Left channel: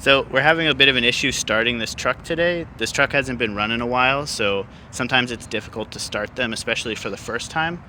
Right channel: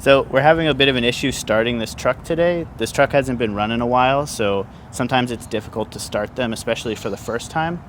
So we're having a bit of an issue starting this truck today. This truck hasn't been run in a while, so sometimes it's difficult to start them, especially for the first time.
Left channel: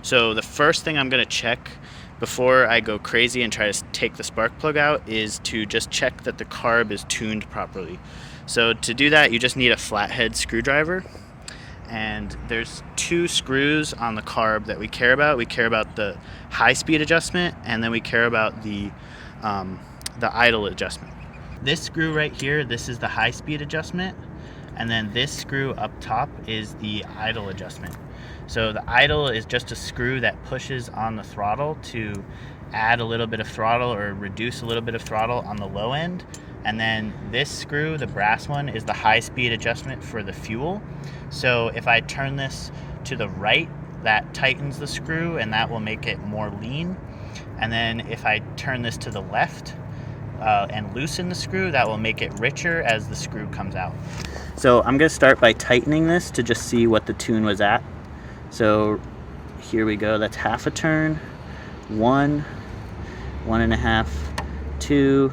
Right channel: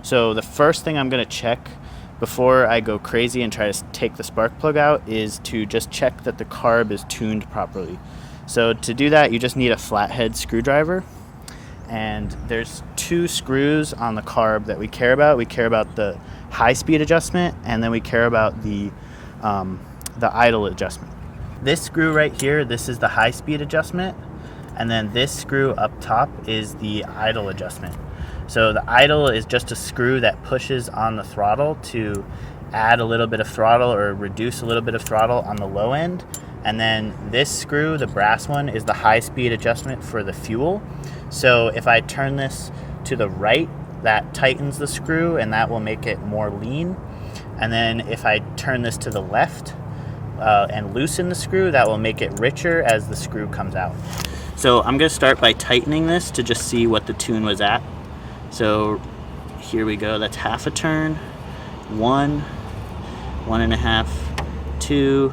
So the first thing I'm going to check before I go crazy and try to take the spark plug out is to just check that the carb is tuned properly. So to do that, you just need a flathead screwdriver. And there's two screws on the carb that we care about. We care about the high speed adjustment, and then we care about the idle adjustment. This screw right here, this is the high speed adjustment, and then this screw up top is the idle adjustment. So the idle is just a screw that pushes on the throttle to add a little bit of throttle or reduce a little bit of throttle on the low end. And then this screw, the brass one, is the high speed adjustment for the fuel. So if I turn this to the right, that tightens the screw and that will make it more lean. And then if I turn this to the left and loosen the screw, that will make it richer as the screw comes out. So I'm going to start by tightening this to just see what the tune was at. So here we go, that's half a turn, 1, 1.5, 2,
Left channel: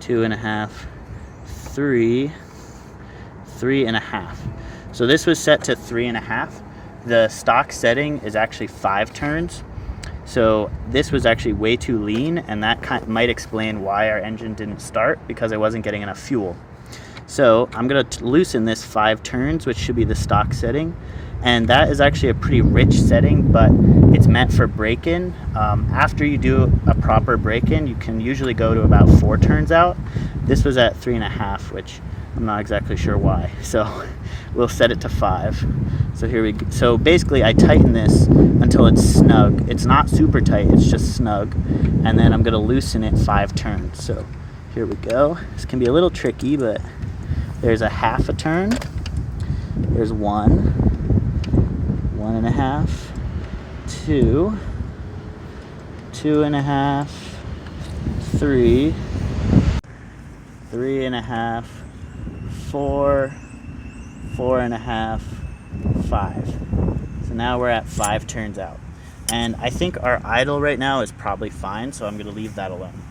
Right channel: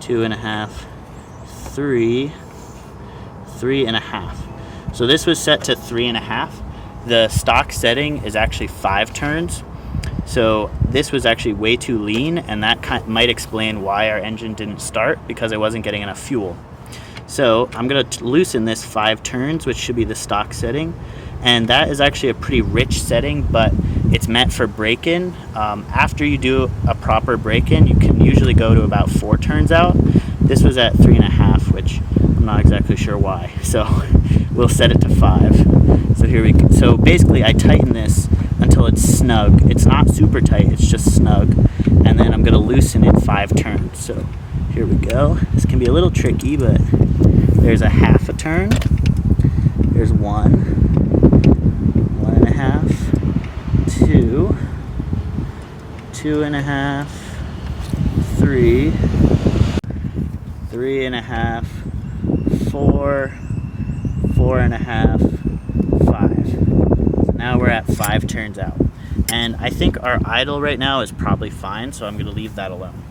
2.5, 3, 3.5. So this was set to 3.5. The stock setting is actually 5 turns. So this was actually way too lean, and that might explain why our engine didn't start, because I wasn't getting enough fuel. So I'm going to loosen this 5 turns, which should be the stock setting. And that is actually a pretty rich setting, but it's meant for break-in. After you do a proper break-in, you can usually go to about 4 turns out. This was at 3.5, which I'm not exactly sure why. So we'll set it to 5. So here we go. So basically I tighten this until it's snug. It's not super tight, it's just snug. And then I'm going to loosen it 5 turns. So here we go. This can be a little tricky, but there's a half a turn. There's 1. 1.5, 2, 2.5, 3, 3.5, 4, 4.5, 5. So now we're at 5 turns out. And I think our idle right now is probably fine, so I'm going to leave that alone.